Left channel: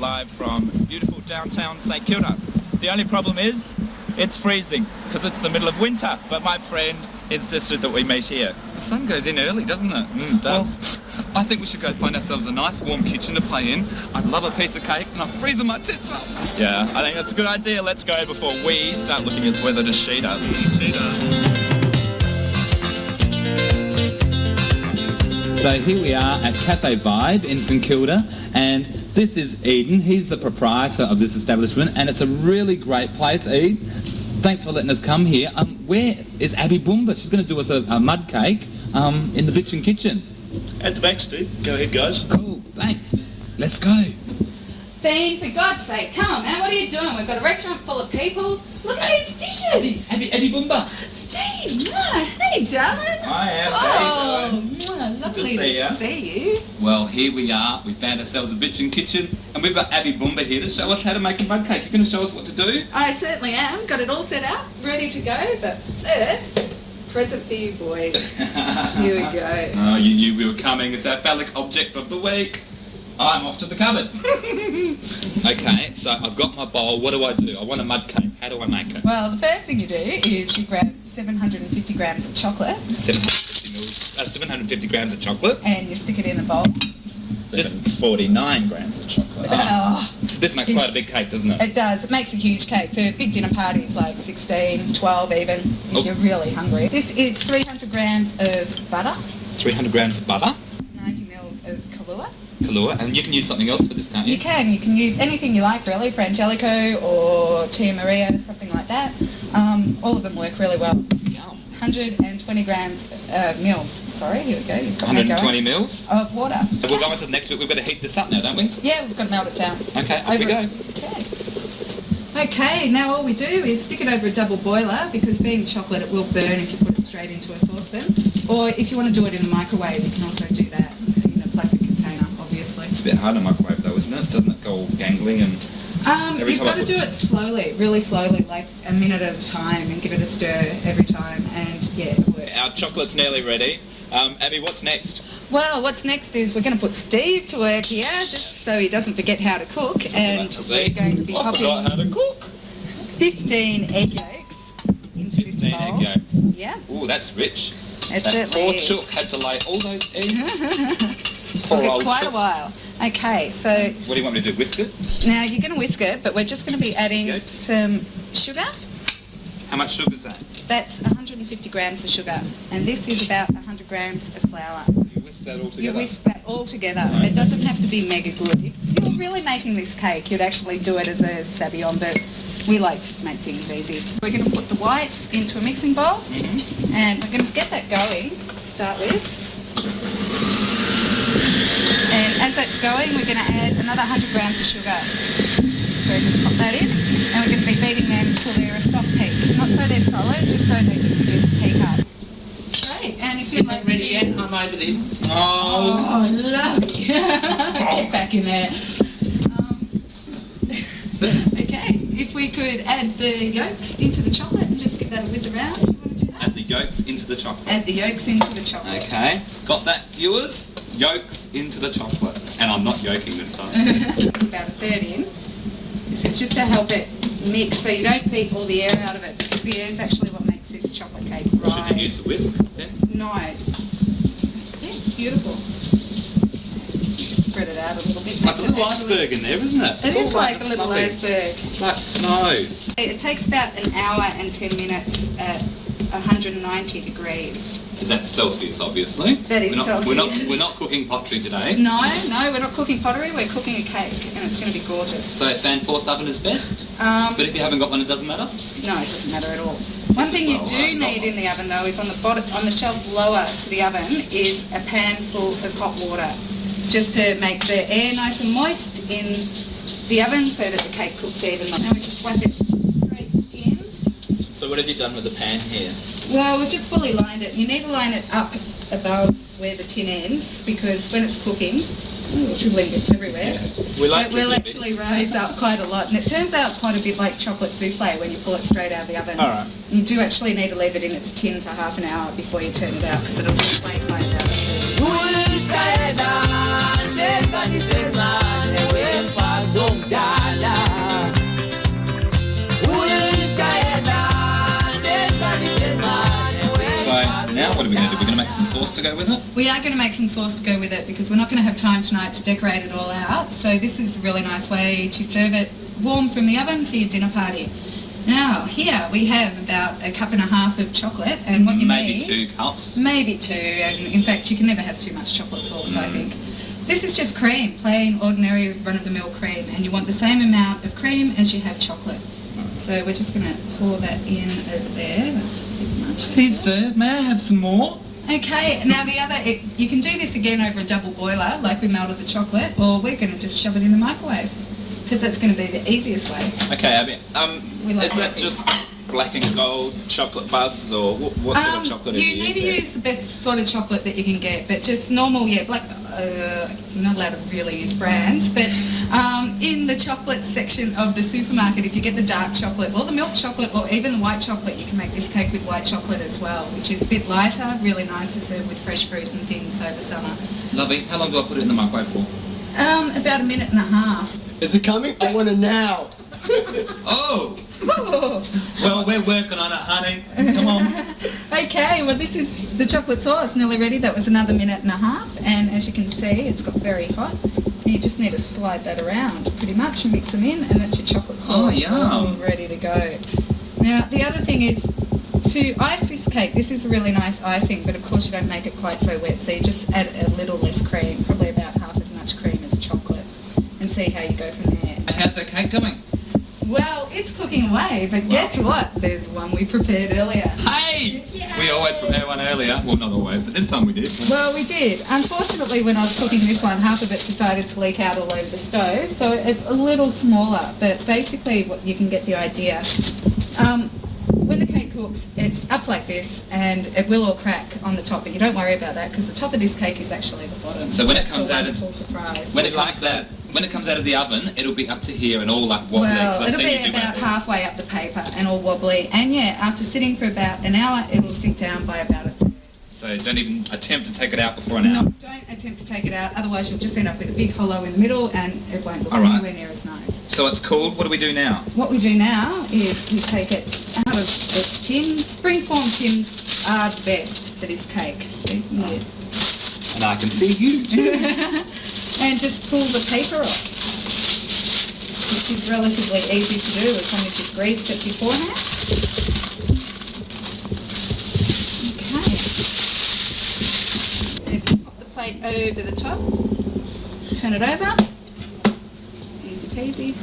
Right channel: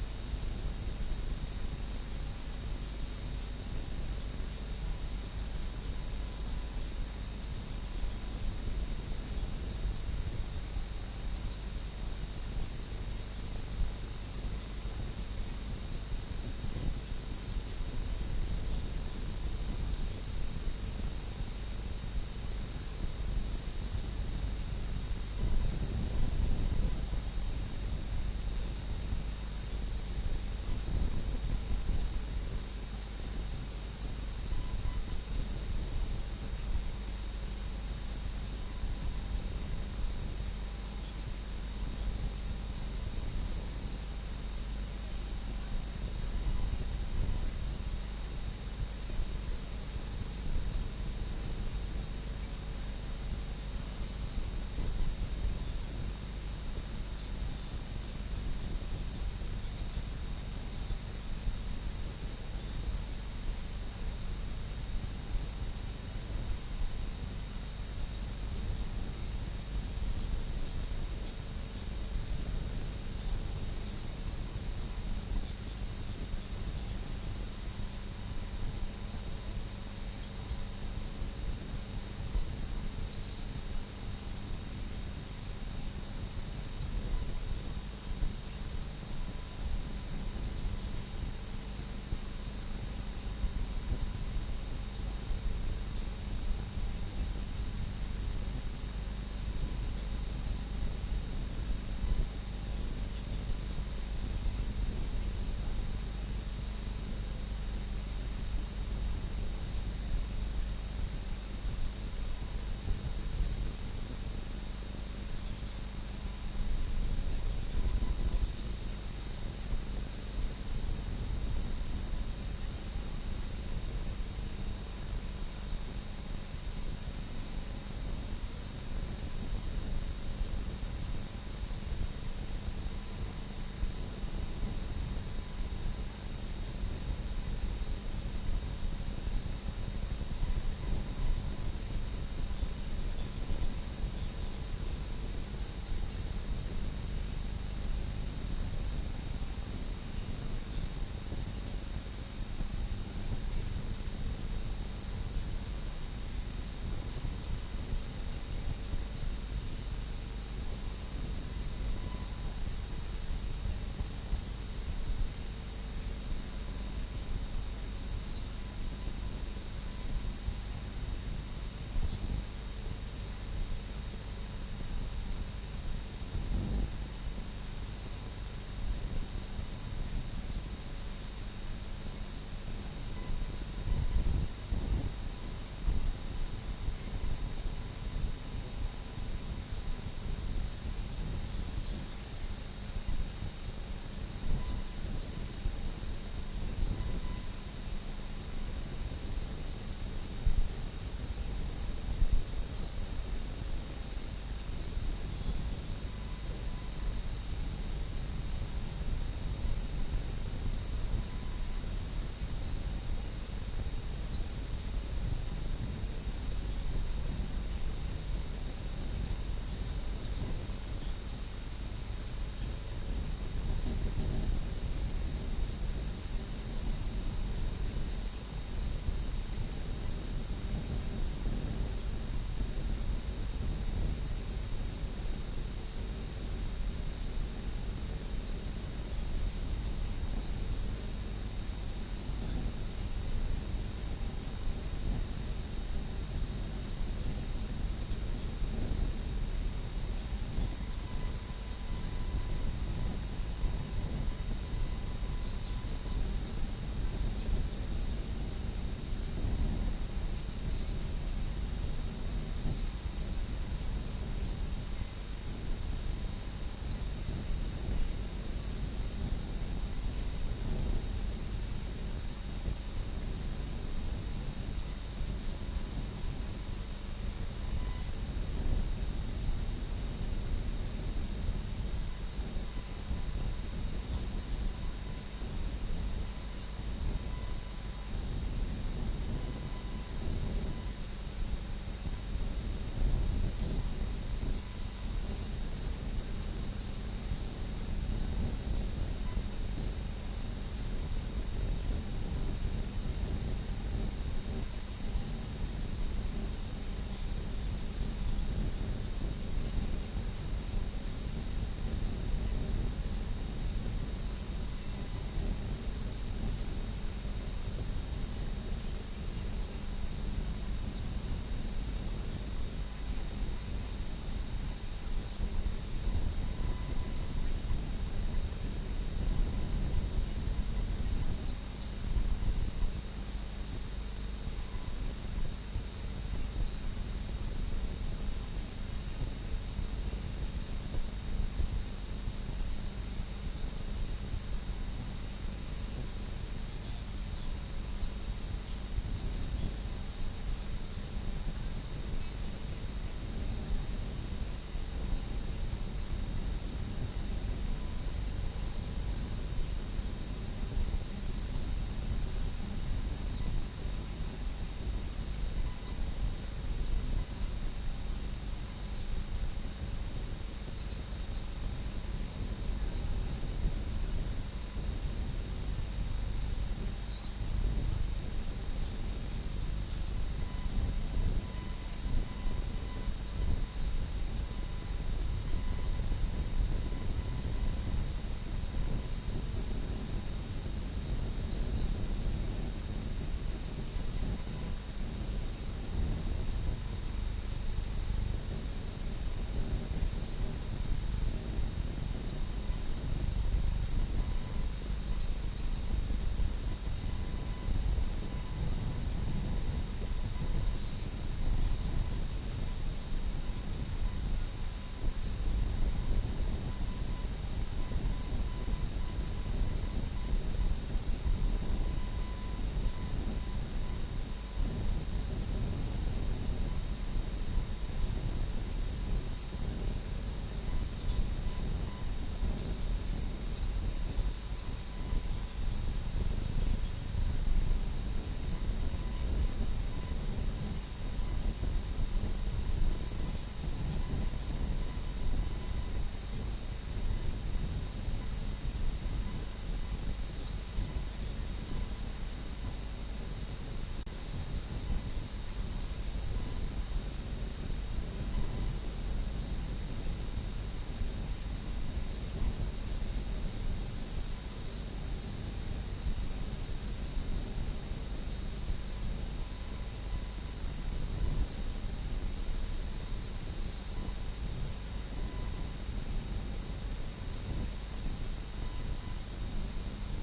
Live from beautiful downtown StKilda. The only problem is it's freezing because it's the middle of winter, but my friend insisted that we meet here. The sun goes in early, doesn't it? It does. Well, I think we should go find ourselves a nice warm kitchen to play in. I'd love a piece of cake and I'm freezing my tits off. Yeah, I think that's a good idea. Let's go before we start looking as weathered as she does. She does. So here we are at Cafe Vibe in StKilda, and this is Eden. He's the proprietor of this establishment, and it's a really great place. Eden, thanks for letting us come here. Where is Abbey Boomba? She's going to do us a mud cake in the Bitchin'Kitchen. At the back, Steve. Go ahead, guys. Cool, thanks. Let's go. Dean, for God's sake, come on, man, what are you doing? We've got a restaurant full of people. Look at these dishes. Abbey Boomba. Steve, no, hey, darling. Hi, Abs. Oh, lovely to see you. Well, here we are. We found ourselves a Bitchin'Kitchen, and we've got Abbey Boomba here to show us how to make a mud cake. You're going to show us what to do? I certainly am. Got it all set up, ready to go. But first, present for you boys. Here we go. Oh, you knew we were coming. It's our phallic object of the week. I'm off to the cupboard. Okay, so I've got my bowl. What do? I want a mud cake. How do I make it? Well, the first thing you do is you grab 750 grams of chocolate. 750 grams of chocolate. And you stick it in the bowl. This 49 grams of chocolate. Oh, this makes quite a big cake, doesn't it? It does. It makes a huge cake for big dinner parties, like 16, 12 even, if you're really hungry. This is 300 grams of butter. 300 grams of butter. 90 mils of Kahlua, and you can use something else for this, can't you? You can use anything you like really, Frangelico or Tia Maria, something like that. All of them work really well. 120 grams, here we go. 120 mils? Of water. And we'll go on to the next bit. We've got to heat this up now, don't we? Yeah, we've got to melt it down. Okay, off we go. Okay, now all we do is stick it over a double boiler, because being chocolate, it will burn if you put it straight into a saucepan. Or if you want to do it in the microwave, you can also do that in a plastic container, obviously. It's a bit hard in a microwave though, isn't it? Doesn't it go all gangly and... You've got to do it slowly, really slowly, like a minute at a time, and give it a stir every time, and yeah, it works. Our chocolate's nearly ready. Abby, what's next? Well, what's next is we're going to put Steve to work here, just so he doesn't forget how to cook, and we're going to be popping how to cook. 15 egg yolks into this 15 bowl. egg yolks. Yeah. Oh, that's rich. It that certainly poor is. chook had to lay all those eggs. Poor Took it old quite chook. a while. Okay, so What do you want me to do, whisk it? now you're going to whisk it, but we're just going to be adding Okay. some sugar. How much sugar is that? That's 150 grams of sugar, and this is about 100 grams of flour. You whisk that all together? You whisk that all together. Right. It doesn't have to be mega good. If you were really making this cake, you'd actually do it as a sabayon, but we like to make things easy. We're going to put the whites into a mixing bowl, and we're going to get that going to start with. And as that's going, we're going to add another 100 grams of sugar. So just pop that in, and we're going to be beating them until they're a soft peak. Not so they're solid, just so they just begin to peak up. Great, and if you'd like ready yet, I'm over this. Oh, lovely. Get back in there. Okay, if we could add the yolks into the chocolate and just give that a whiz around. Do you want to do that? Add the yolks into the chocolate. Add the yolks into the chocolate. Okay, got that, viewers? Yolks into the chocolate. And I'm not yoking this time. About a third in. This is just to help it mix so you don't beat all the air out of it, because the air is actually what makes this chocolate cake rise. Should you use the whisk then? No. See? Beautiful. You just spread it out a little bit. It's like a little iceberg in there, isn't it? It is like a little fluffy. iceberg. It's like snow. It takes about an hour and 10 minutes at 190 degrees. Is that Celsius, obviously? That is We're not Celsius. cooking pottery today. No, we're not cooking pottery, we're cooking a cake, and it's going to be gorgeous. So fan forced oven is best. Um, But if you haven't got one, it doesn't matter. No, it doesn't matter at all. One thing you do need in the oven though is on the bottom, on the shelf lower to the oven, is a pan full of hot water, just to make the air nice and moist in the oven so that the cake cooks evenly. Now we just whack it straight in. So what have you done with the pan here? Well, we've just fully lined it. You need to line it up above where the tin ends, because when it's cooking, dribbling bits everywhere. It will actually rise up quite a lot, and it turns out quite a bit like chocolate souffle when you pull it straight out of the oven. All right. You do actually need to leave it in its tin for half an hour before you turn it out, because it'll be flame high out. So now what are we going to do? We're going to make some sauce to go with it? We are going to make some sauce to go with it, because we're not going to have time tonight to decorate it all out. So this is a really nice way to serve it warm from the oven for your dinner party. Now, here we have about 1.5 cups of chocolate, and what you Maybe need... 2 cups. Maybe 2, and in fact you can never have too much chocolate sauce, I think. This is just cream, plain, ordinary, run-of-the-mill cream, and you want the same amount of cream as you have chocolate. So we're just going to pour that in over there. That's a bit much. Please, sir, may I have some more? Okay, now the other, you can do this again over a double boiler, like we melted the chocolate, or we're going to just shove it in the microwave, because that's going to be the easiest way. Okay, Abby. We like Is that easy. just black and gold chocolate buds, or what sort of chocolate are you You need to using? use the best sort of chocolate that you can get, but just normal, black, you're not allowed to really use brands, but in the chocolate section of the supermarket, if you get the dark chocolate, or the milk chocolate, or even the white chocolate, you can make this cake with white chocolate as well, which is a bit lighter, really nice to serve with fresh fruit and things over summer. Lovely. How long do I put it in the microwave for? About 1.5 minutes. Is it coming? I want it now. Oh! Oh. Well, we're working on it, honey. Come on. Okay, well this is the chocolate sauce nearly ready. That was another 1.5 minutes, and as you can see, it's got very hot. You just need to slide that around pretty much and mix them in, and that's your chocolate sauce Oh, yum. all ready to go. Now, the other thing is, to ice this cake, this is a really nice icing, but of course you don't make it quite so wet, so you just add a little less cream, probably about half as much cream as chocolate, and see how you go from there. How's that cake going? Well, it's cooking away, but guess what? There's one we prepared earlier. Hey! We always prepare one earlier. Well, not always, but this time we did. Well, we did. Unfortunately, when I was cooking this one, half of it decided to leak out all over the stove, so it's a little smaller, but basically what you can get the idea. When the cake cooks, it's up like this, and it will all crack on the top, but you don't worry about that, because the top of this cake is actually the bottom. So when it That's comes a out of- wonderful surprise. When it comes out of the oven, it'll be up to here and all like wobbly. 'cause Well, I've it'll seen you be do one of about these. halfway up the paper and all wobbly, and yeah, after sitting for about an hour, it will sink down by about So don't even attempt to take it out before an hour. No, don't attempt to take it out, otherwise you'll just end up with a big hollow in the middle, and it won't look All right. anywhere near as nice. So it's cooled. What do we do now? What we do now is we take it out of this tin. Springform tins are the best for this cake. See, yeah. And I can see you too. And just pull the paper off, which is relatively easy to do as long as you've greased it beforehand. Okay. If you pop the plate over the top, turn it over. Easy peasy.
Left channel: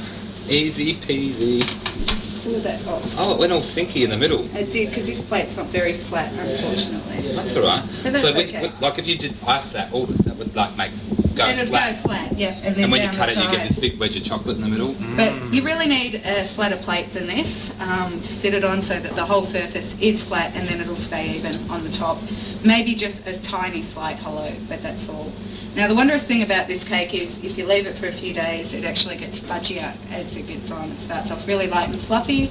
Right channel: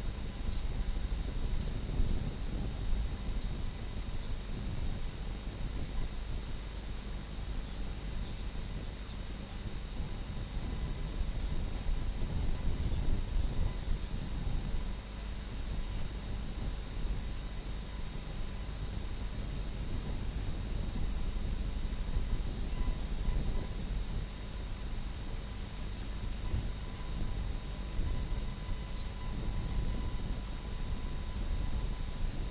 Easy peasy. Just pull that off. Oh, it went all sinky in the middle. It did, because this plate's not very flat, unfortunately. That's all right. But that's so, okay. like, if you did ice that, all that would like make go It'll flat. go flat, yeah, and then And when you down cut the it, you get sides. this big wedge of chocolate in the middle. But you really need a flatter plate than this to sit it on, so that the whole surface is flat, and then it'll stay even on the top. Maybe just a tiny slight hollow, but that's all. Now the wondrous thing about this cake is if you leave it for a few days, it actually gets fudgier as it gets on. It starts off really light and fluffy,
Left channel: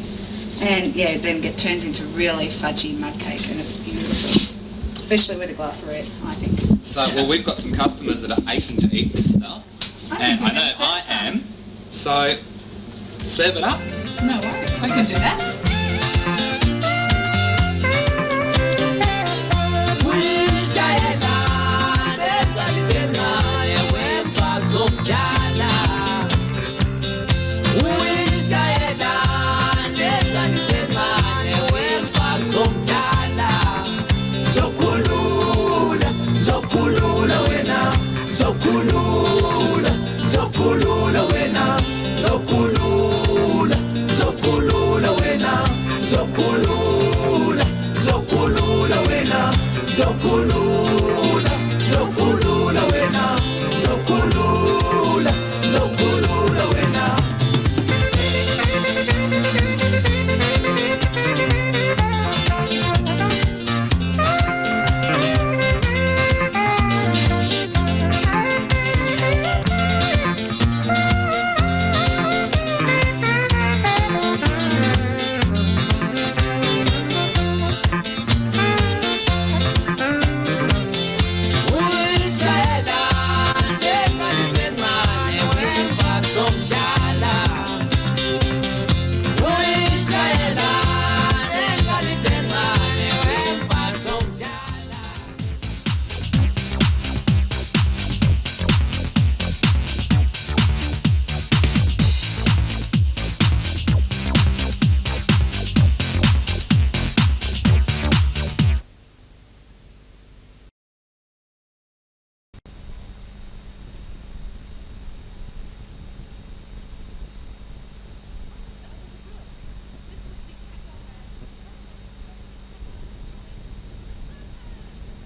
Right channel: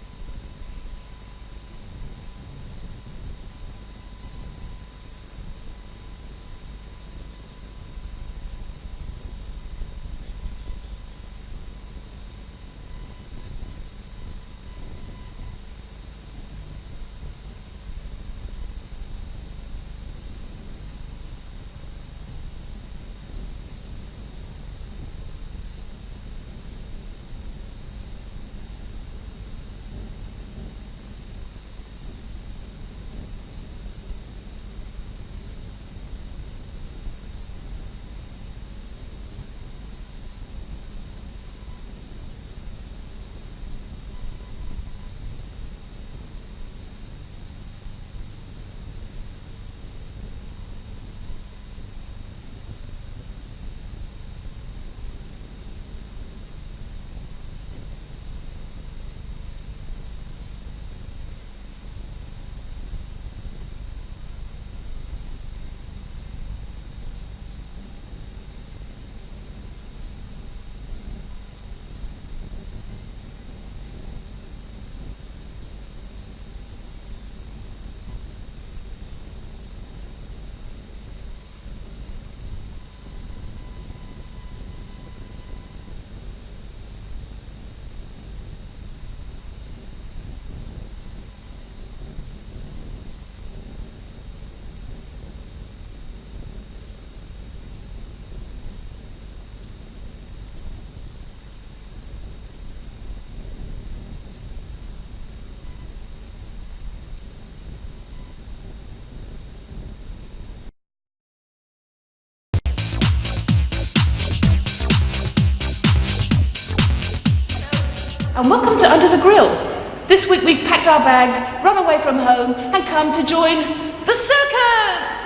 and yeah, then turns into really fudgy mud cake, and it's beautiful. Especially with a glass of red, I think. So, well, we've got some customers that are aching to eat this stuff, and I know I am. So, serve it up. No worries, I can do that. Zokulula wena zokulula, zokulula wena, zokulula, zokulula wena. And welcome to Under the Grill. This week we've packed our bags, run away from home, and come to join the circus!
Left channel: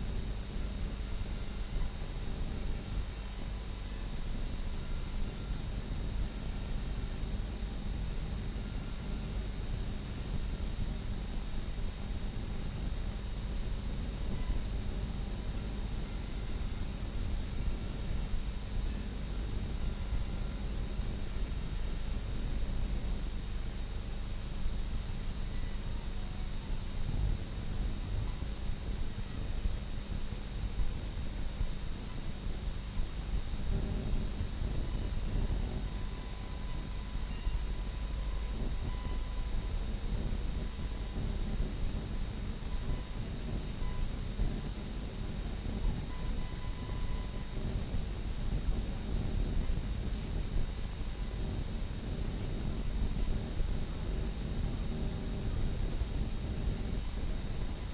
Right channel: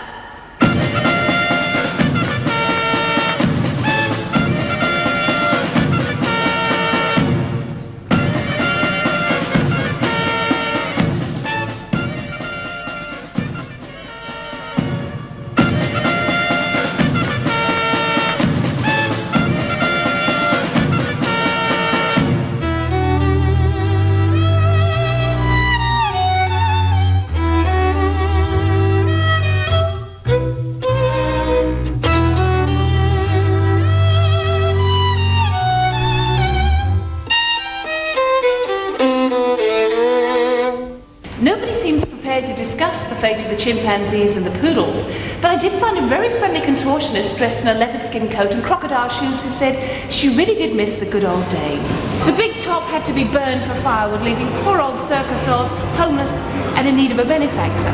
Nobody seems prepared to discuss the fate of the chimpanzees and the poodles, but I did find a very friendly contortionist dressed in a leopard skin coat and crocodile shoes who said she really did miss the good old days. The big top had to be burned for firewood, leaving poor old circus homeless and in need of a benefactor.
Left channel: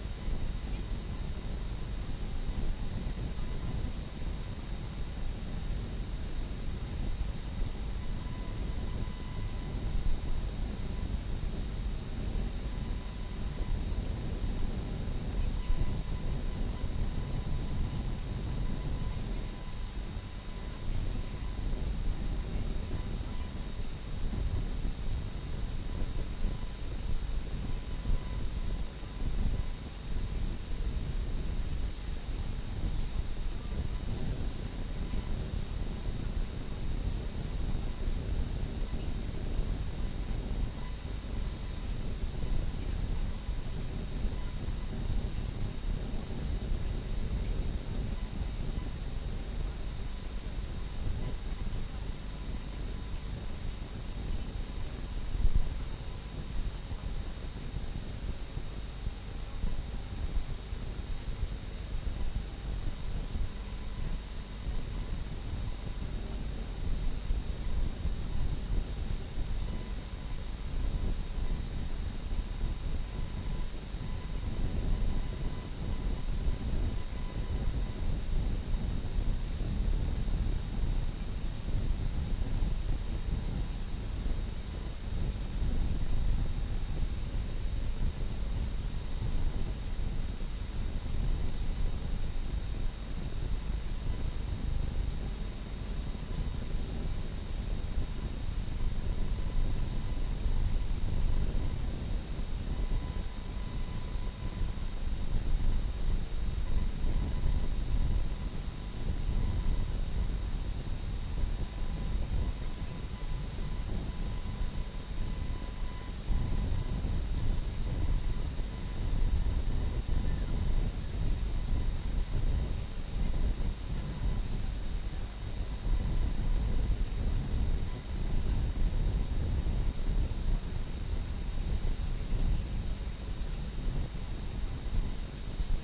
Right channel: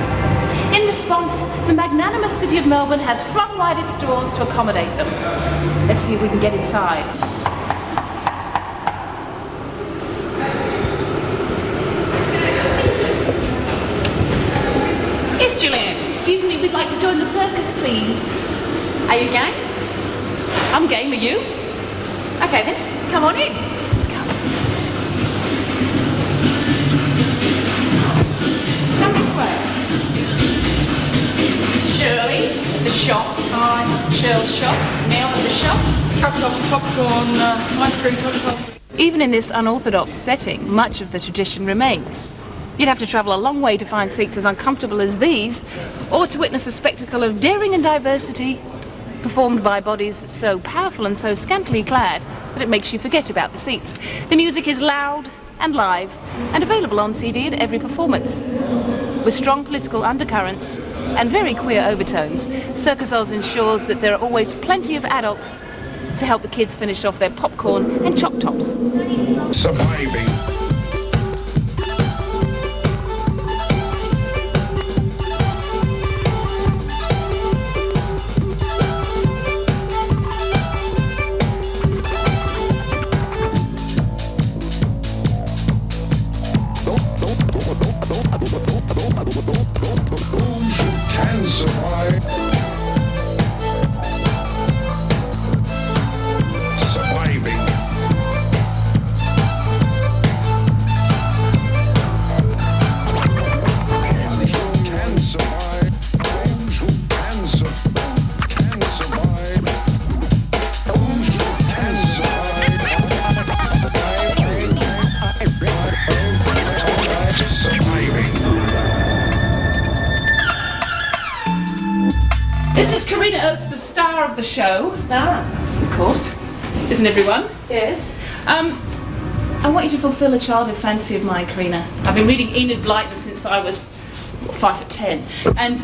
In response, the magnanimous city of Melbourne has flung wide its doors to accommodate them. Let's see if we can get inside. Yes, Gillian. Excuse me, we'd like to join the circus, please. Are you game? I'm game, are you? Okay then, come on in. Let's go. Come this way. This is Shirley at the shop. Hi. Shirley's shop. Mel at the shop. Choc-tops, popcorn, ice cream, chocolate. Even in this unorthodox setting, much of the tradition remains. You'd have to travel a long way to find seats as uncomfortable as these, or to witness a spectacle of daring and diversity performed by bodies so powerful and so scantily clad that it makes you forget about the seats. The music is loud and live and available on CD at every performance. With strong political undercurrents and very queer overtones, Circus Oz ensures that there are always plenty of adults to help the kids finish off their popcorn and choc-tops. Surviving. The show. Star. Of course. Isn't everyone? Yes. I want you to fulfil a childhood fantasy of mine, Karina. I've been reading Enid Blyton since I was 5'10", and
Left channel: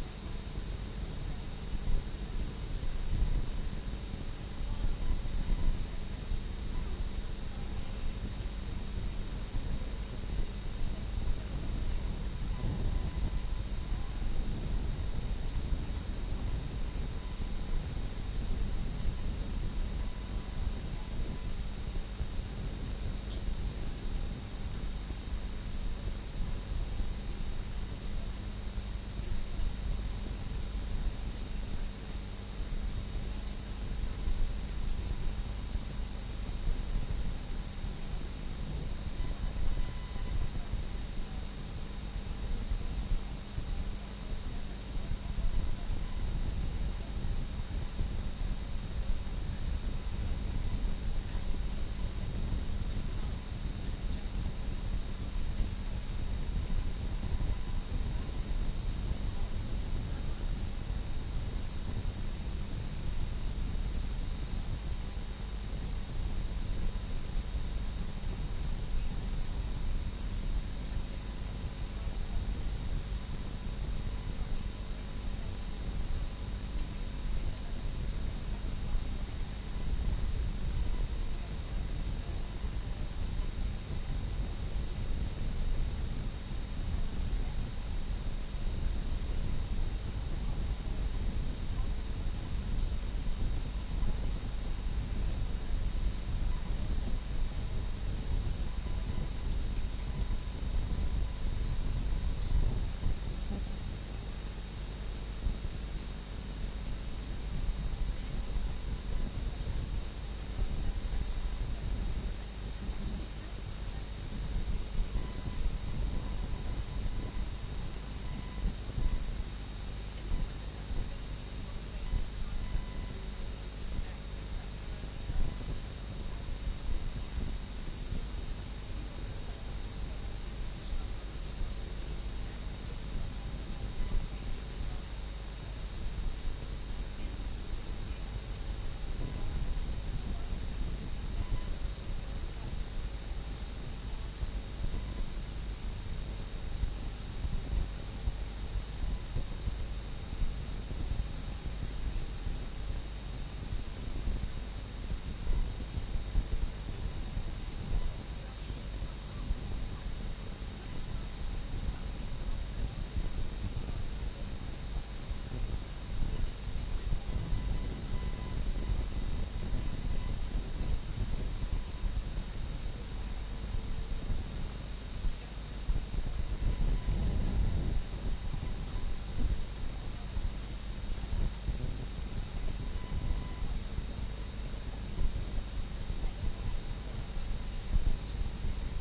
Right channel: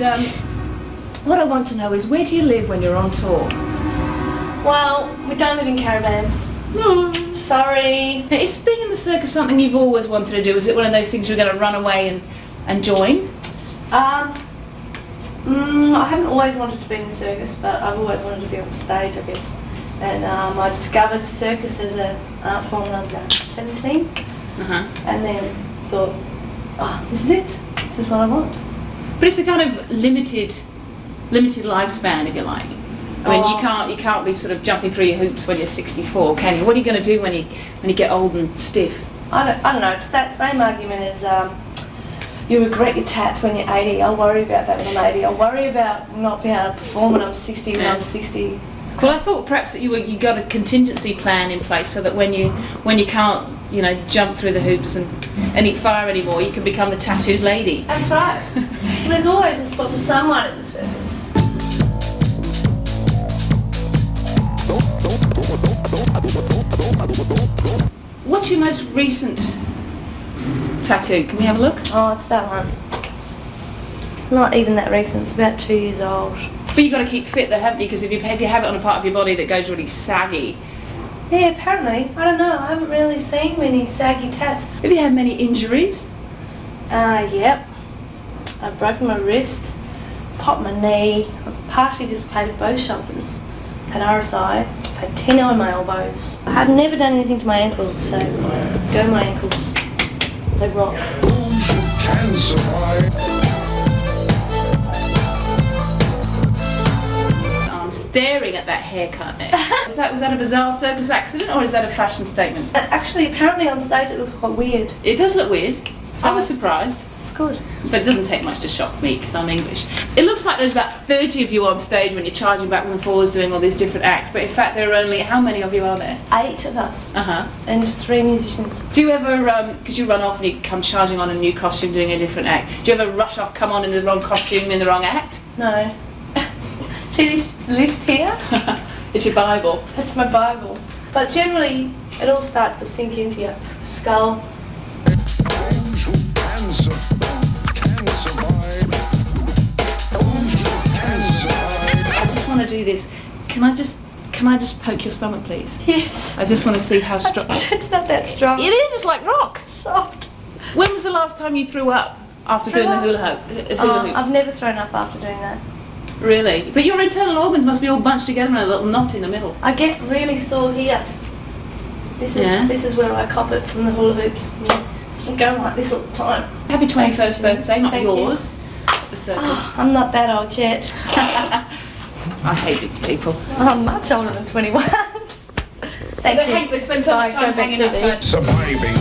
what I want to know is, where do you live when you're on tour? Well, we don't live in caravans. No. Sorry. Now, is being in the circus something you've always wanted to do? Is it one of those things you're going to run away and join? I haven't always wanted to be in the circus, but I've always wanted to be on stage, I guess. And I discovered circus as an art form when I was about 17. And then thought, oh, this is it. This is what I want. But it's a kind of limited limited lifespan, if you like. I mean, you can't be sort of jumping through your hoops when you're 64, can you? What are you going to do when you get old and stiff? I don't know. It's that same argument as you regret your tats when you're 80. I'll worry about that when I'm 80. I'll worry about not being able to perform when I'm 60. When I'm 60. Well, I thought perhaps that you got a contingency plan in place so that when you can't, you know, jump through the hoops and eat fire anymore, you can become the tattooed lady. That's right. Well, there's always a spot for someone at the circus. What's your most recent tattoo? Can we have a look? Oh, it's that one. It's not even that recent. It's about 2 years old. But you've got to keep fit though, haven't you? Because if you have it on a part of your body that goes really saggy. Yeah, apparently. I don't know. I haven't really seen many saggy tats. Have you had many injuries? Yep. I've broken my wrist, popped my knee, I've partially dislocated both shoulders, had RSI, had tenno in my elbows. I've never done anything to my ankles, so go my ankles. They rock. I'm staring at that haircut there. Was that a bizarre circus accident or is that a fashion statement? Actually, apparently on stage it looks quite weird. It does look weird. So I was surprised. It's good. But it doesn't take much to shock me because I'm English. It looks like there's about 30 of you on stage when you're charging backwards and forwards doing all these different acts, but in fact there are only, how many of you are there? 8 of us. Uh-huh. And 3 musicians. Do you ever, because you run off and you come charging on a new costume doing a different act, do you ever rush off, come on in the wrong costume, in the wrong act? No. See this list here? It's your Bible. That's my Bible. But generally it all starts to sink into your skull. I want to do this. Can I just poke your stomach, please? Yes. I just want to see how strong. It's not that strong. It is. It's like rock. Soft. When was the last time you threw up after doing the hula hoops? I've never thrown up after doing that. Really? But your internal organs must be all bunched together in a little knot in the middle. I get really sore here. This is where I cop it from the hula hoops. I'm going like this all the time. Happy 21st birthday, not Thank yours. At the circus. Oh, I'm not that old yet. I hate these people. I'm much older than 21. Thank you. Spend so much time hanging outside. Surviving.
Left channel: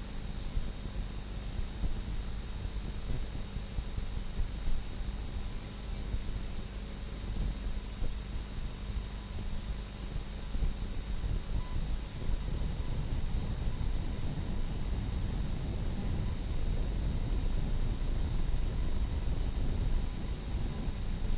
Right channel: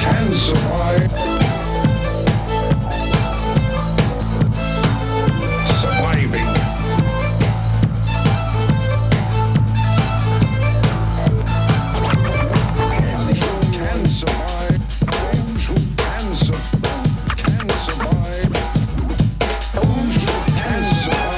Can survive. Surviving. Can survive. Can survive. Can survive. Can survive.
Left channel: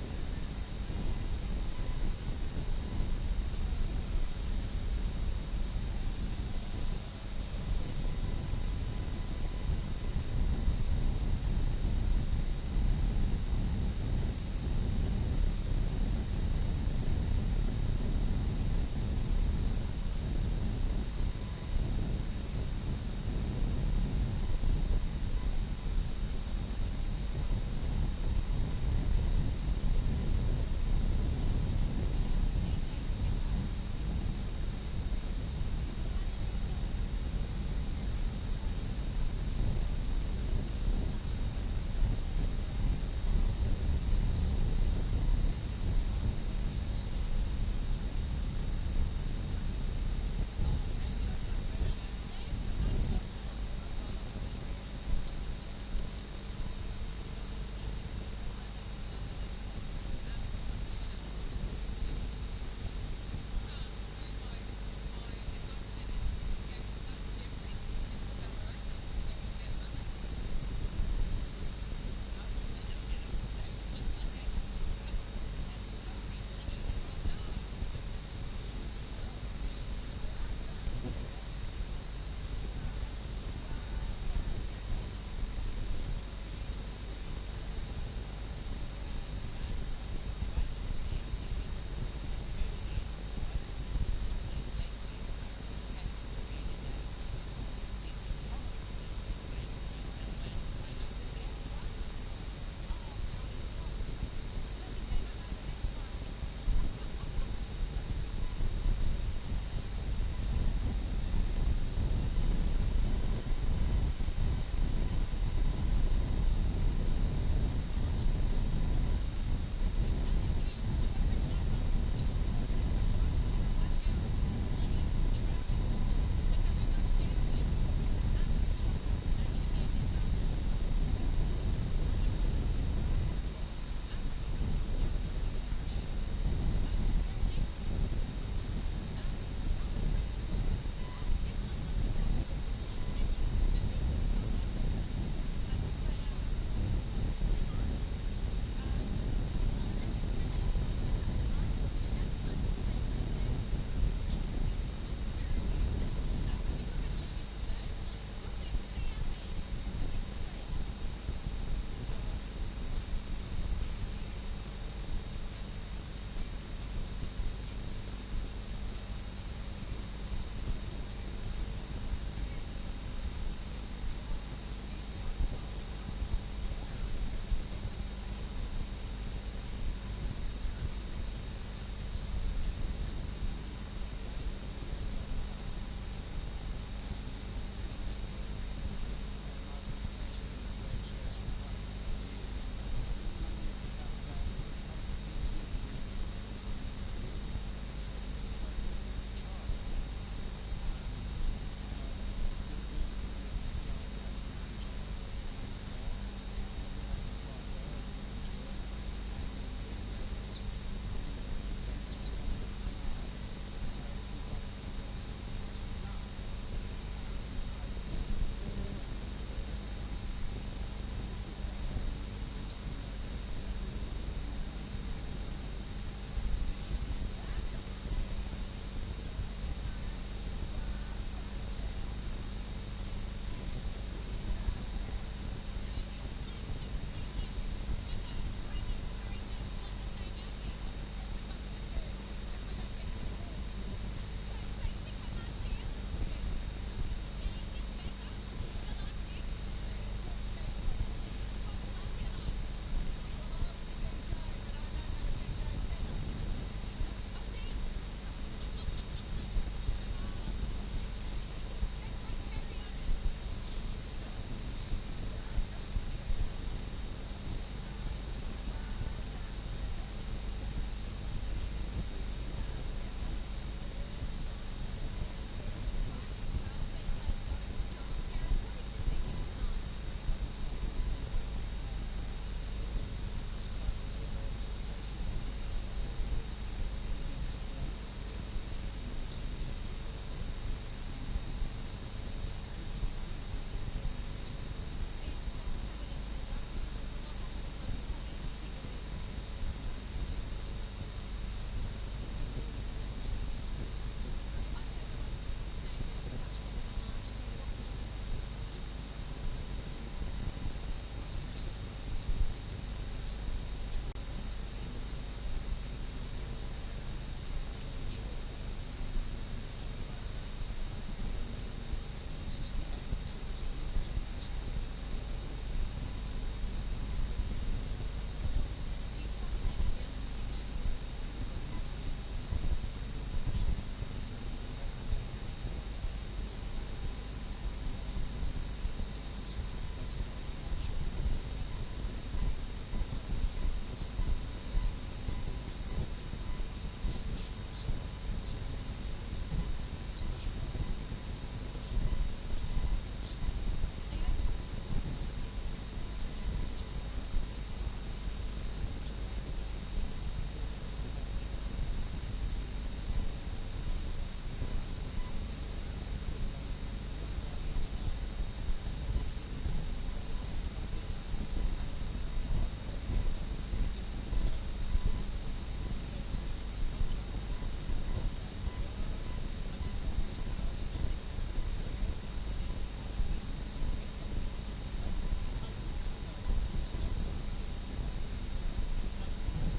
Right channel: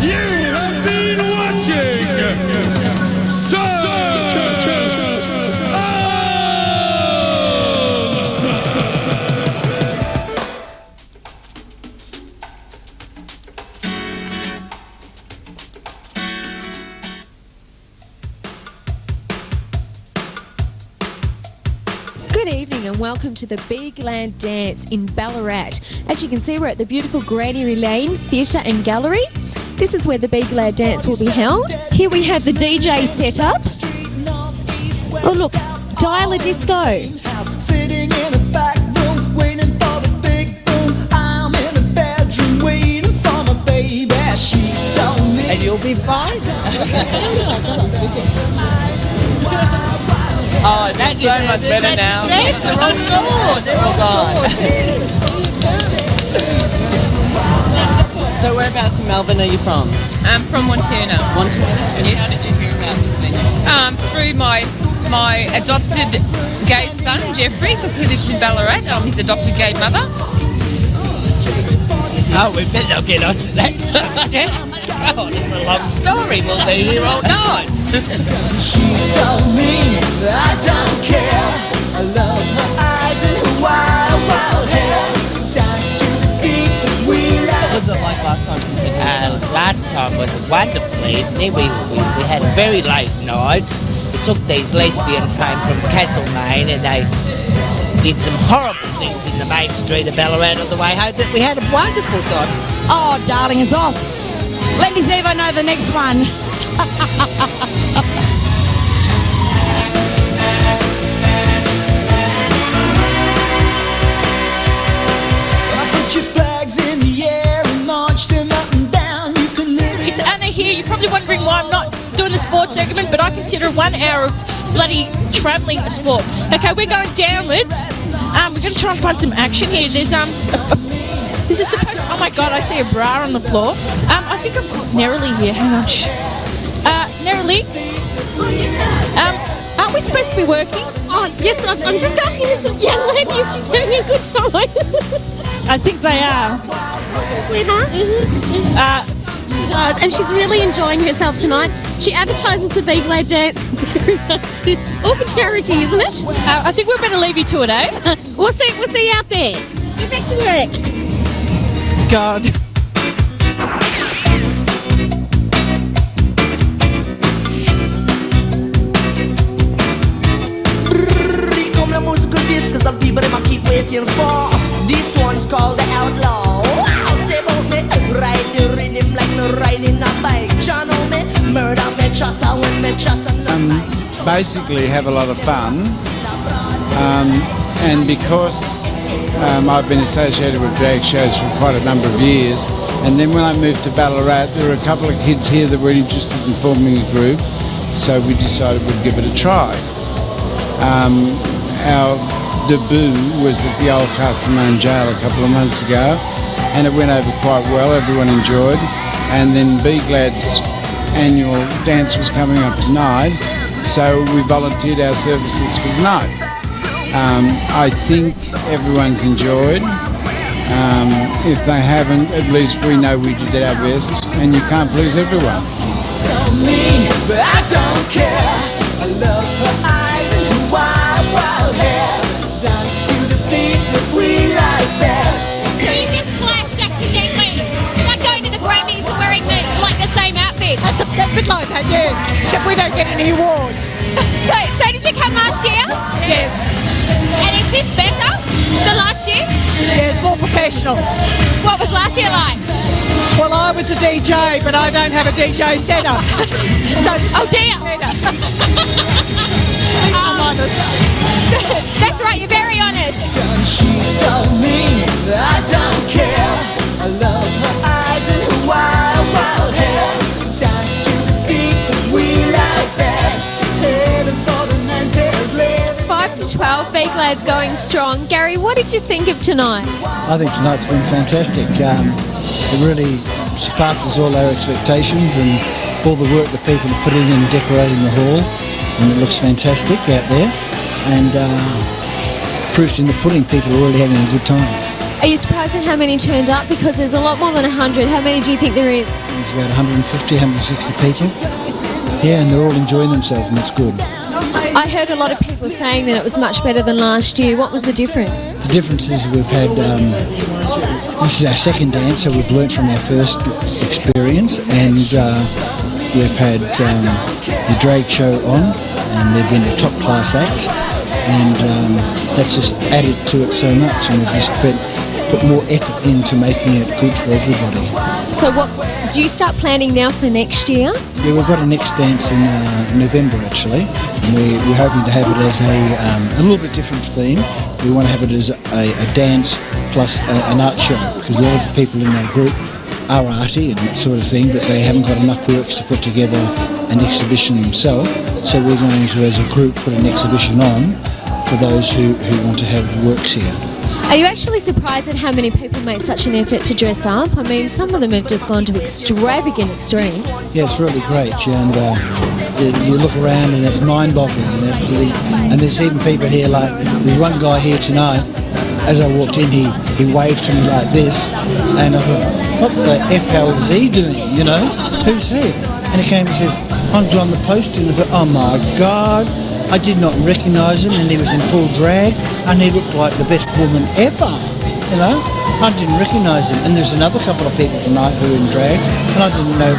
You have been watching Circus. Good evening and welcome to the Big Land Dance in Ballarat. As you can see, we're at the beautiful Granary Lane Theatre and Gallery. This is where the Big Land Dance will be held. Here we have the DJ set up. Oh look, Dial a Disco. Sitting in a back room, waiting for the big boom. I'm in a bedroom, waiting for my baby. She's so mean. And you'll be fine. Oh, it's so much better now. They're on board. They're on board. So whereabouts in Melbourne are you from? I'm from Montana. Montana? And how did you hear about this venue? Through my adopted gay son, Jeffrey, because he lives in Ballarat. I'm his adopted gay mother. Oh, we better not get onto that subject. Oh, it's a long story. We'll be here all night. She's so mean, I don't care. I love her eyes and her wild, wild hair. Dance to the beat that we like. What was it like last Last time was a wonderful evening. We had a very late night. We took these lesbians home from Castlemaine and they did some horrible things in the main street of Ballarat on the way home, but we had a wonderful time. Oh, darling, it's off. Let me see if I know the next one. Put your flags in the air and march them up and down. You can live It's Anna here. You're probably wondering why I'm not doing the sports segment, but I consider 1 hour of bloody travelling a sport. Okay, we're going downwards. We're going to try and find some action here. There's this is supposed. Oh my God! I see a bra on the floor. I think I'm caught narrowly here. Hang on. Narrowly. Aren't we supposed to be working? Oh, yes, I'm just asking this young lady if she's having a good time. I think they are. And she's really enjoying herself tonight. She advertises the Big Lad Dance very much. All for charity, isn't it? I think we better leave you to it, eh? We'll see you out there. Get back to work. God. Come la musica disco, some people they keep waiting for. This one's called the Outlaw. Wow, say about me, ride the rhythm like no riding a bike. Channel me, murder me, chatter when me chatter. Basically have a lot of fun, and because I've been associated with drag shows for quite a number of years, and then when I moved to Ballarat there were a couple of kids here that were interested in forming a group, so we decided we'd give it a try. Our debut was at the old Castlemaine jail a couple of months ago, and it went over quite well, everyone enjoyed, and then Be Glad's annual dance was coming up tonight, so we volunteered our services for the night. I think everyone's enjoyed. If they haven't, at least we know we did our best, and you can't please everyone. So mean, but I don't care. I love her eyes and her wild, wild hair. Dance to the beat that we like best. So you just flashed accidentally. Like going to the Grammys and wearing the same outfit. That's a bit like that, yes. Except we don't get any awards. So did you come last year? Yes. And is this better than last year? Yeah, it's more professional. What was last year like? Well, I was a DJ, but I don't have a DJ setup. Oh dear. I'm honest. That's right, you're very honest. She's so mean, I don't care. I love her eyes and her wild, wild hair. Dance to the beat that we like best. Heading for the 90s, It's 5 to 12. Big Lad's going strong. Gary, what did you think of tonight? I think tonight's been fantastic. It really surpasses all our expectations and all the work that people have put in decorating the hall, and it looks fantastic out there, and proofs in the pudding, people are really having a good time. Are you surprised at how many turned up? Because there's a lot more than 100. How many do you think there is? There's about 150, 160 people. Yeah, and they're all enjoying themselves, and it's good. I heard a lot of people saying that it was much better than last year. What was the difference? The difference is we've had, this is our second dance, so we've learnt from our first experience, and we've had the drag show on, and they've been a top class act, and that's just added to it so much, and we've just put more effort into making it good for everybody. So what do you start planning now for next year? Yeah, we've got a next dance in November actually, and we're hoping to have it as a little bit different theme. We want to have it as a dance plus an art show, because a lot of the people in our group are arty and that sort of thing, but they haven't got enough works to put together an exhibition themselves. So we're going to, as a group, put an exhibition on for those who want to have works here. Are you actually surprised at how many people make such an effort to dress up? I mean, some of them have just gone to extravagant extremes. Yeah, it's really great, and you look around and it's mind-boggling. And there's even people here, like, there's one guy here tonight, as I walked in, he waved to me like this, and I thought, what the F hell is he doing, you know? Who's he? And he came and said, I'm John the Poster, and I thought, oh my God. I did not recognise him, and he was in full drag, and he looked like the best woman ever, you know. I didn't recognise them. And there's another couple of people tonight who are in drag, and I didn't know,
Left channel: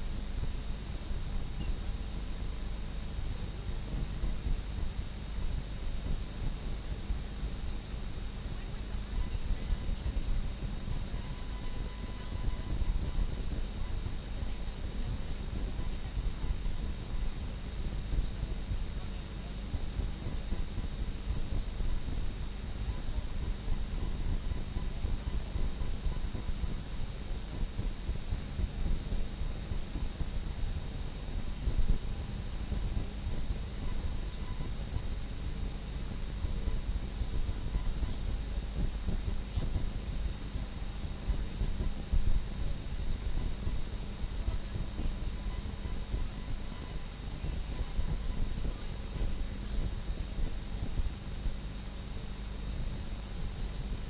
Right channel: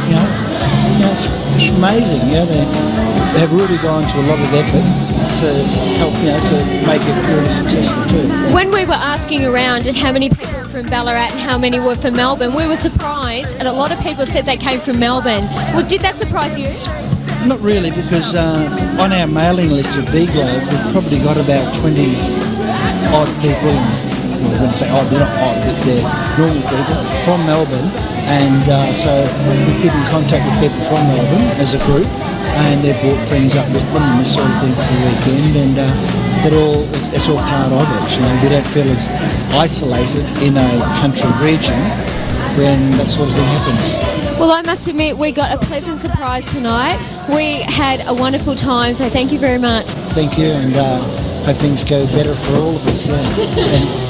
it's amazing, they have really gone to a lot of effort to help, to make it really successful too. When we were asking around at how many people were from Ballarat and how many were from Melbourne, we were surprised, and a lot of people said they came from Melbourne. Well, did that surprise you? Not really, because on our mailing list of B-Globe, we've probably got about 20 odd people, well, I wouldn't say odd, they're not odd, but they're normal people from Melbourne, and so we keep in contact with people from Melbourne as a group, and they've brought friends up with them and this sort of thing for the weekend, and it's all part of it. We don't feel as isolated in a country region when that sort of thing happens. Well, I must admit, we got a pleasant surprise tonight. We had a wonderful time, so thank you very much. Thank you, and hope things go better for all of us. Yeah. Thanks.